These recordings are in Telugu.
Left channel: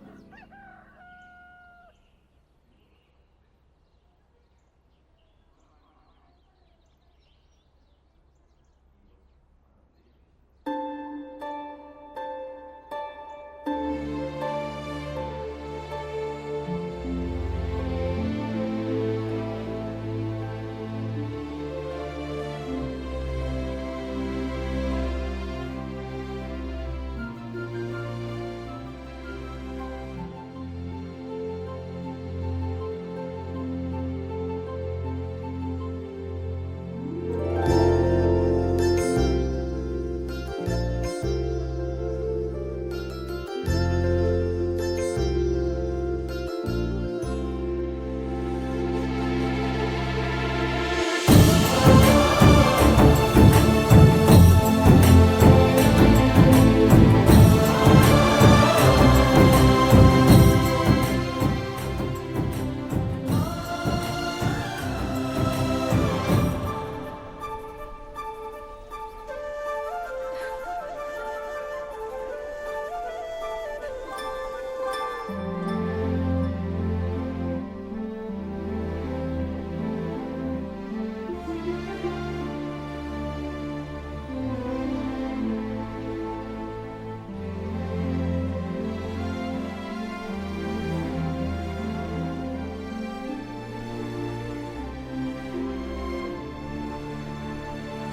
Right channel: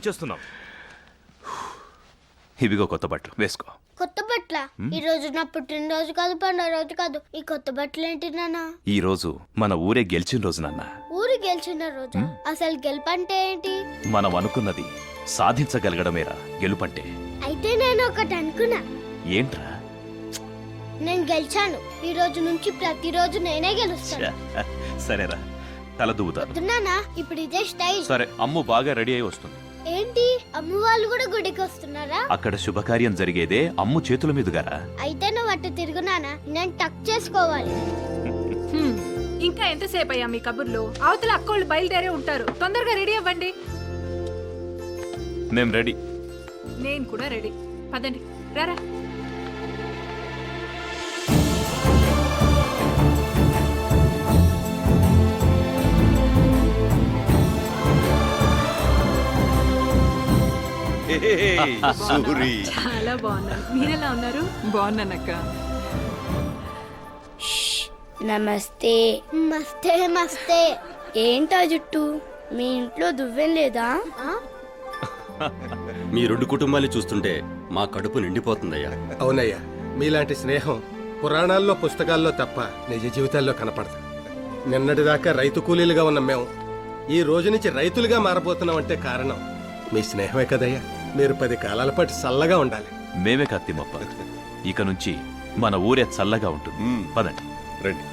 వచ్చేస్తున్నాం. ఇవిగో కొత్త బట్టలు వేసుకో. కొత్త బట్టల? ఈ రోజు నా పుట్టినరోజు కాదు, పండుగ రోజు కాదు. ఈ కొత్త బట్టలు ఏంటి నాన్న? ఈ రోజు మన ఊరే గెలిచిన రోజు నాన్న. ఊరు గెలిచిన రోజు? అసలు గెలుపంటే ఏంటి? మనం అనుకున్నది సాధించగలగడమేరా గెలుపంటే. అయితే నేను ఒకటి అనుకున్నా. ఏంట్రా? నేను గెలిచాను. ఈ రోజు నుంచి ప్రతిరోజు నేనే గెలుస్తాను. సరేరా, తల దువ్వుతా. నాన్న ఇప్పుడు ఇదే స్టైల్. సరే, అమ్ము బాగా రెడీ అయి వస్తుంది. ఏంటి, అమ్మ వాళ్ళు కూడా గుడికి వస్తున్నారా? అక్కడ శుభకార్యం జరిగేదే అమ్ము చేతుల మీదుగారా. అయితే నువ్వు అట్టు తిరుగునానా, నేను టక్ చేసుకోవాలి. ఇంకా ఎంతసేపు అయ్యా మీ కబుర్లు? అవతల అక్కోళ్ళు బయలుదేరే ఉంటారు. తొందరగా రెడీ అవ్వండి. నేను రెడీ. నేను కూడా రెడీ. పదండి, రారా. చాలా బాగున్నా. మీరెలా ఉన్నారు? బాగున్నానక్క. నమస్తే. మస్తే మస్తే. ఏంటా జుట్టు, మీ ఇంట్లో దువ్వెం లేదా? మీ రెండు కుటుంబాన్ని చూస్తుంటే మా కడుపు నిండిపోతుందయ్యా. అవునయ్యా, మీలాంటి స్నేహం పురాణాల్లో పుస్తకాల్లో తప్ప నిజ జీవితాల్లో కనపడదు. నిన్నటిదాకా రైతు కూలీలుగా ఉన్న మేము ఈ రోజు నుంచి రైతులుగా మారబోతున్నామంటే కారణం మీ స్నేహమే కదయ్యా. మీరు 10 కాలాల పాటు చల్లగా ఉండాలి. మేమే కత్తిమప్ప. ఇక నుంచి మన ఊరే చల్లగా ఉంటుంది. పదండి. రండి.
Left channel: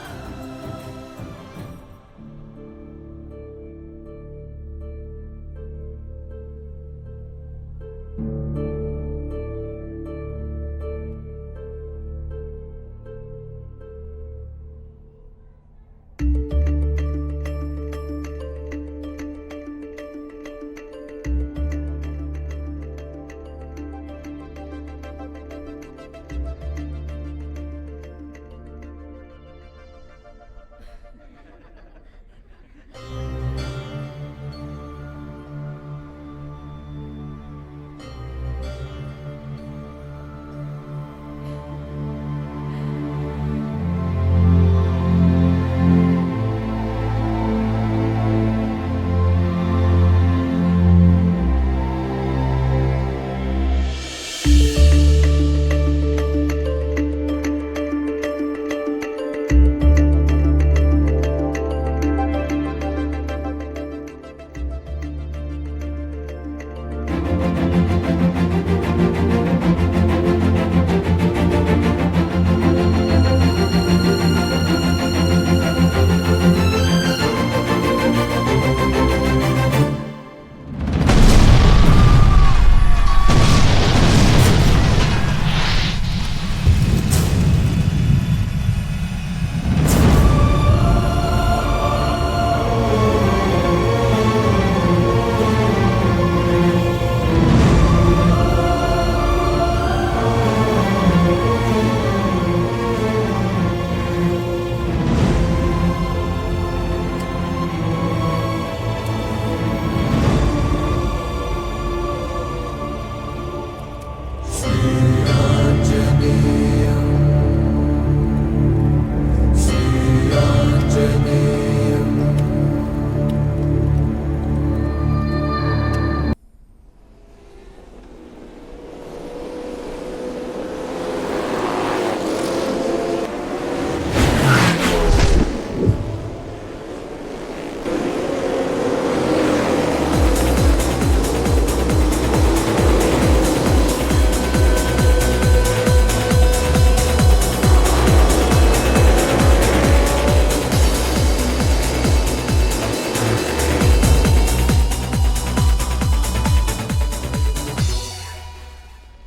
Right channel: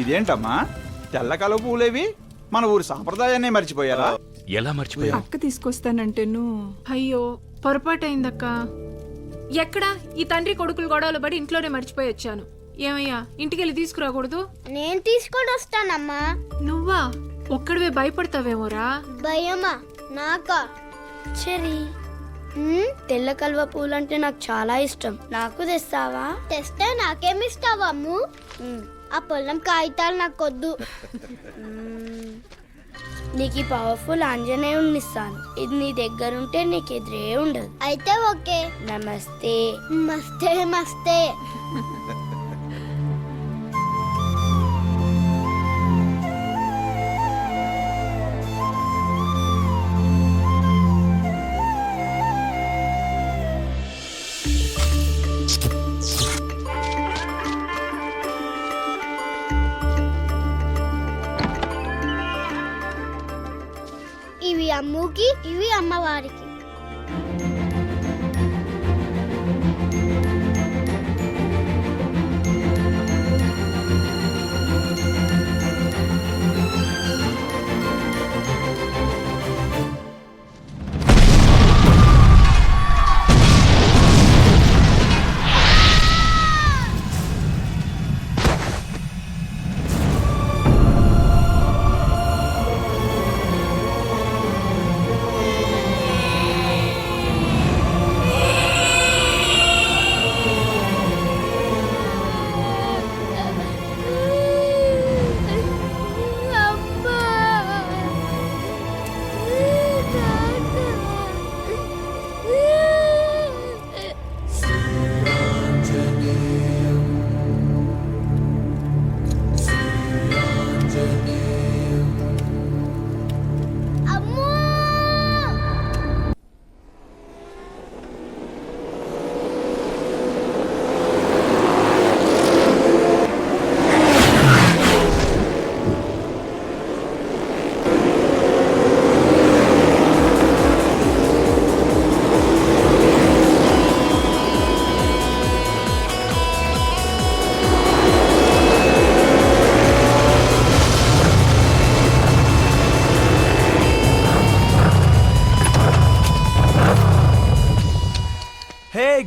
ఇదేంటమ్మా, తెల్లకల పూలేవి? మన ఊరి సాంప్రదాయాన్ని మర్చిపోయారా? ఎలా మర్చిపోయా? అక్క తీసుకొస్తానంటే అయ్యో పొరపాటు అయిందక్క. ఎక్కడా ఈ తండ్రి కొడుకులు గొడవలు పడి ఇంట్లోనే మర్చిపోయి వచ్చాను. ఏమయ్యా, ఇంటికెళ్ళి తీసుకురాకూడదు? నేను తీసుకొని వస్తానమ్మా. నువ్వా? ఒక్కడివే భయపడతావేమోరా? భయమా నాకా? సరే. తెల్ల కల్వ పూలంటే నాకు చాలా ఇష్టం. నాకు తెస్తావా? తెస్తే నాకేమిస్తావా అమ్ము? ఆ పొలం కాగితాలు నాకొద్దు. నీకు పవర్ఫుల్ ఆంజనేయుడిని ఇస్తాను. ఇది నీ దగ్గర ఉంటే నీకు ఎదురే ఉండదు. అయితే ఓకే. నమస్తే. మస్తే మస్తే. ఇవి అమ్ముకి, ఇవి అమ్మవారికి.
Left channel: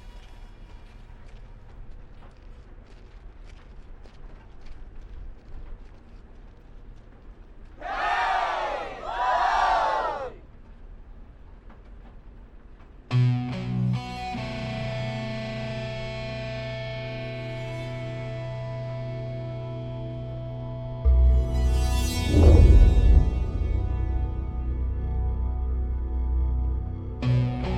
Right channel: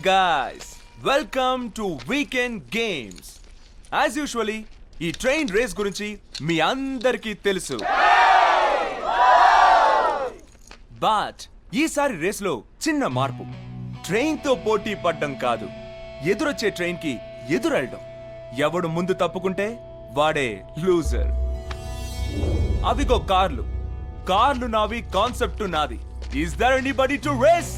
guys, welcome to Weekend Games. As usually, ఈ ట్రైన్ రేస్ గురించి మీ అందరికీ తెలుసు. బట్ ఈసారి రేస్ లో చిన్న మార్పు. ట్రైన్ తో పోటీ పడడం కాదు, ఎదురొచ్చే ట్రైన్ కి ఎదురెళ్ళడం. ఎవడు ముందు తప్పుకుంటే వాడే లూజర్. అవిగో కార్లు నావి, కాన్సెప్ట్ నాది. Is there anybody to race?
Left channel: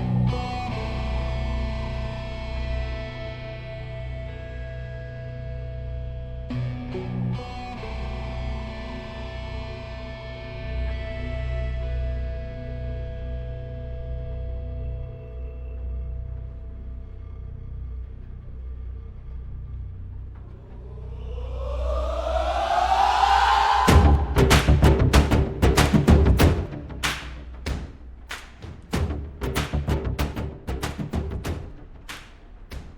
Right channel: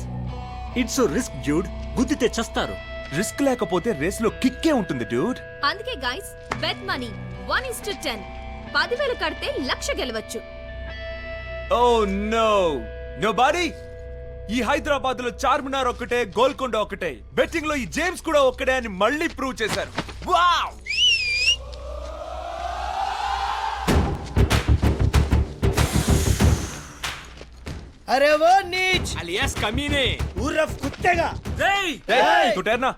It's risk dude, గుద్దితే చస్తారు. రిస్క్ లేకపోతే రేస్ లో కిక్కే ఉంటుంది డ్యూడ్. అందుకే గైస్ బెట్ మనీ 1:10. 10,000 కడితే 1,00,000 గెలవచ్చు. Oh no nobody. ఈ హైదరాబాద్ లో చార్మినార్ ఒక్కటే, గోల్కొండ ఒక్కటే, బెట్టింగ్ లో ఈ జేమ్స్ కూడా ఒక్కడే అని మళ్ళీ ప్రూవ్ చేశారు. వావ్! अरे वो नीच అలియాస్ కమీనే. उर्फ कुत्तेगा तू ठहरना.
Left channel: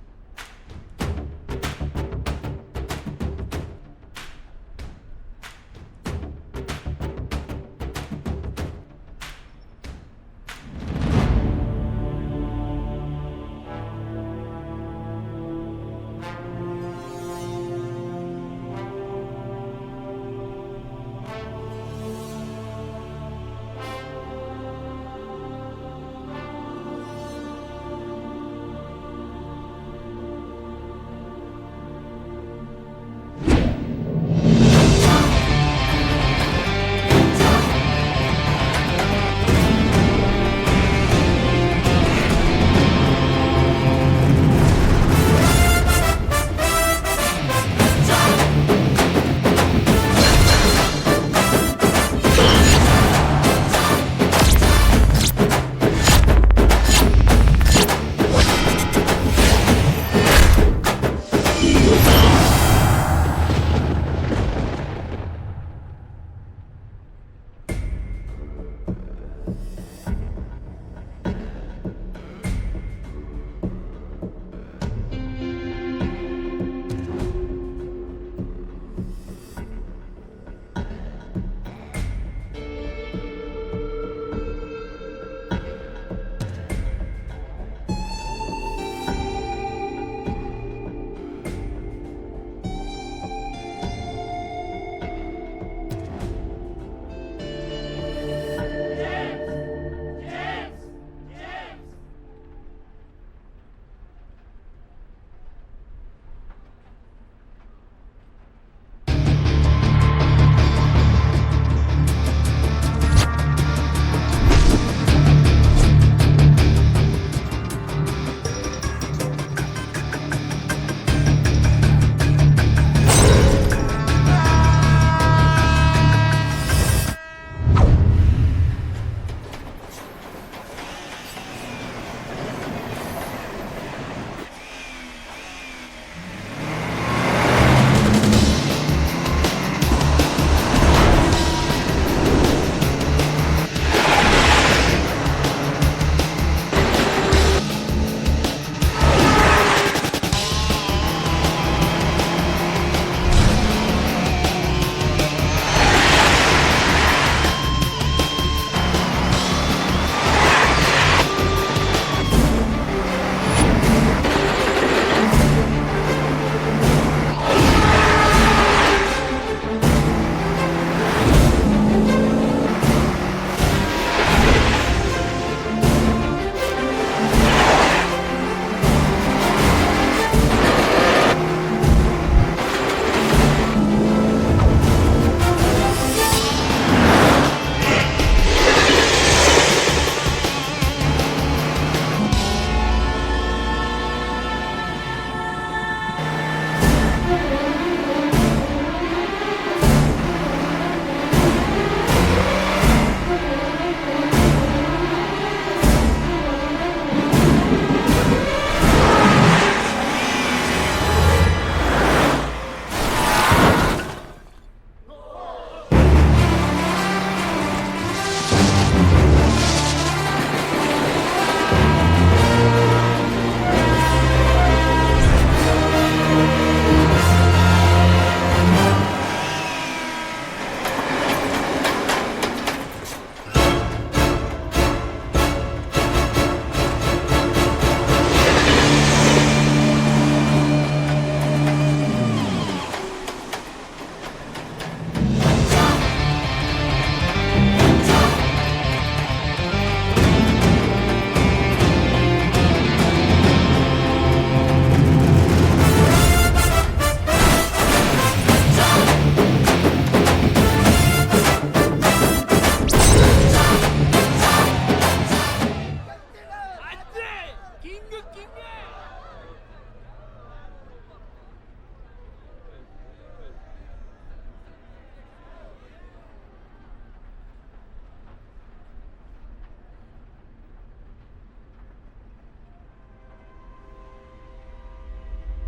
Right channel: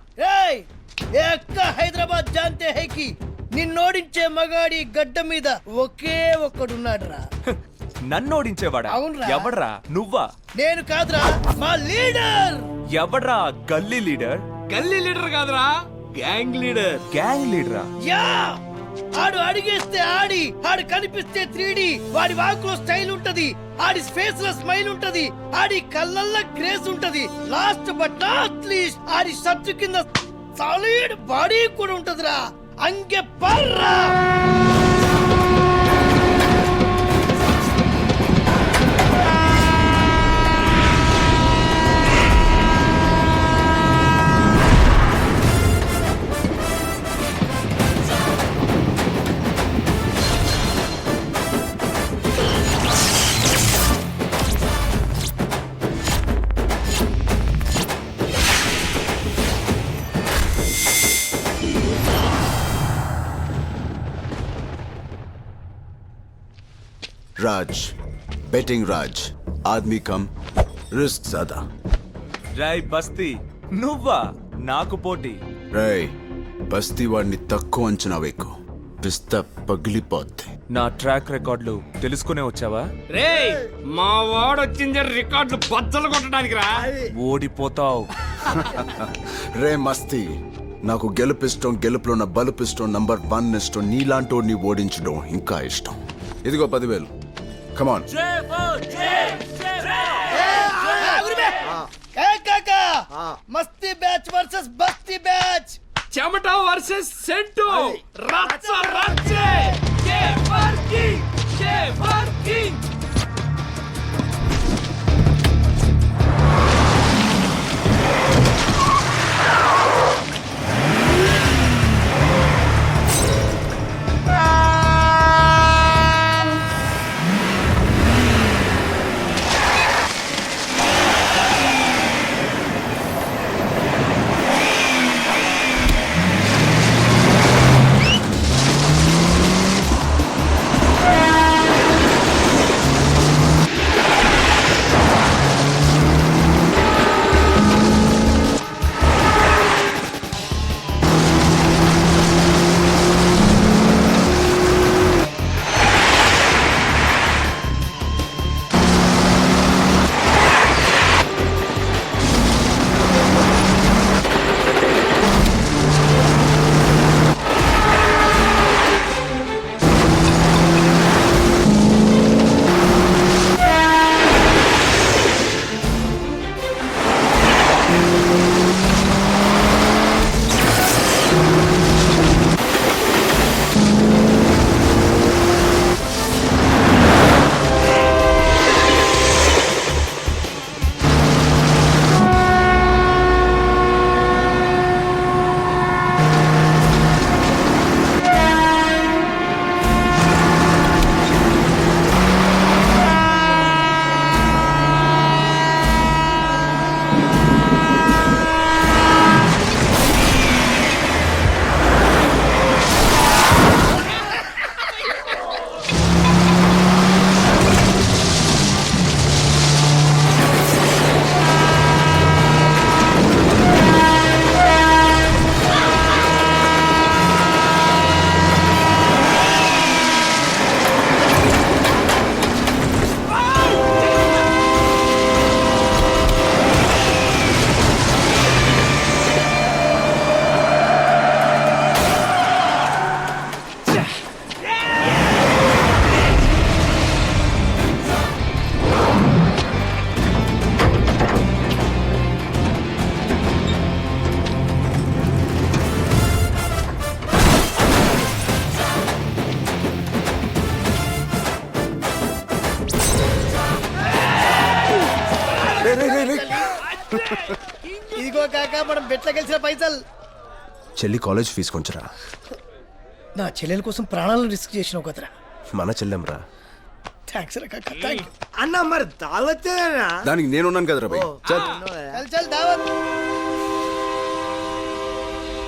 హైదరాబాద్ जानते हैं कि నిన్నోడించే మగాడి గడ్డ మీద ఒకే ఒక్కడున్నాడురా. నన్ను ఓడించేవాడా? అవునురా. ఎవడ్రా? నువ్వా? నేను కాదురా, మా లీడర్. ఎవడ్రా గల్లీ లీడర్? గల్లీ లీడర్ కాదురా, గ్యాంగ్ లీడర్. గ్యాంగ్ లీడరా? యా ఆడు అడిగేస్తే ఆడు కనిపిస్తే 3D. వాడి వాకులో స్టైల్ ఉంటది, ఆడి ఫేస్ లో స్మైల్ ఉంటది, ఆడి కళ్ళల్లో గ్రేస్ ఉంటది. Last but not least Audi shirt కింద సాలిడ్ బాడీ కూడా ఉంటదిరా. అంగే పర్రా. राज, बेटिंग राज, आदमी कम, रिस्क ज्यादा. రాయ్ బస్తీ, నువ్వా నాకు పోటీ? రేయ్ బస్తీ వాడిని తక్కువ అంచనా వేకు, పిస్తా పగిలిపోద్ది. నా ట్రాక్ రికార్డులు తెలుసుకునే వచ్చావా? రేయ్ మా వాడు వచ్చింది రికార్డు బద్దలు కొట్టడానికి రా. ఓడిపోతావు. రే మస్తీ, నాకు గెలుపిష్టం, గెలుపులో ఉన్న బలుపిష్టం, నంబర్ 1 ఇష్టం. నీలాంటోడిని ఓడించడం ఇంకా ఇష్టం. ఇదిగో 10,000. కమాన్. కాకా మస్తీ బ్యాచ్ వర్సెస్ బస్తీ బ్యాచ్. చెమట వర్సెస్ సెంటు. రచ్చ రచ్చే. చెల్లి కాలేజ్ ఫీజు కొంచెరా. నా చెల్లెల కోసం ప్రాణాలను రిస్క్ చేసినావు కదరా. మన చెల్లెంరా. థ్యాంక్స్ రా కాకా, థ్యాంక్ యూ. అన్న మరి దావతేనా? దానికి నేనున్నాను కదరా భయ్. చల్ చల్ చల్ దావత్.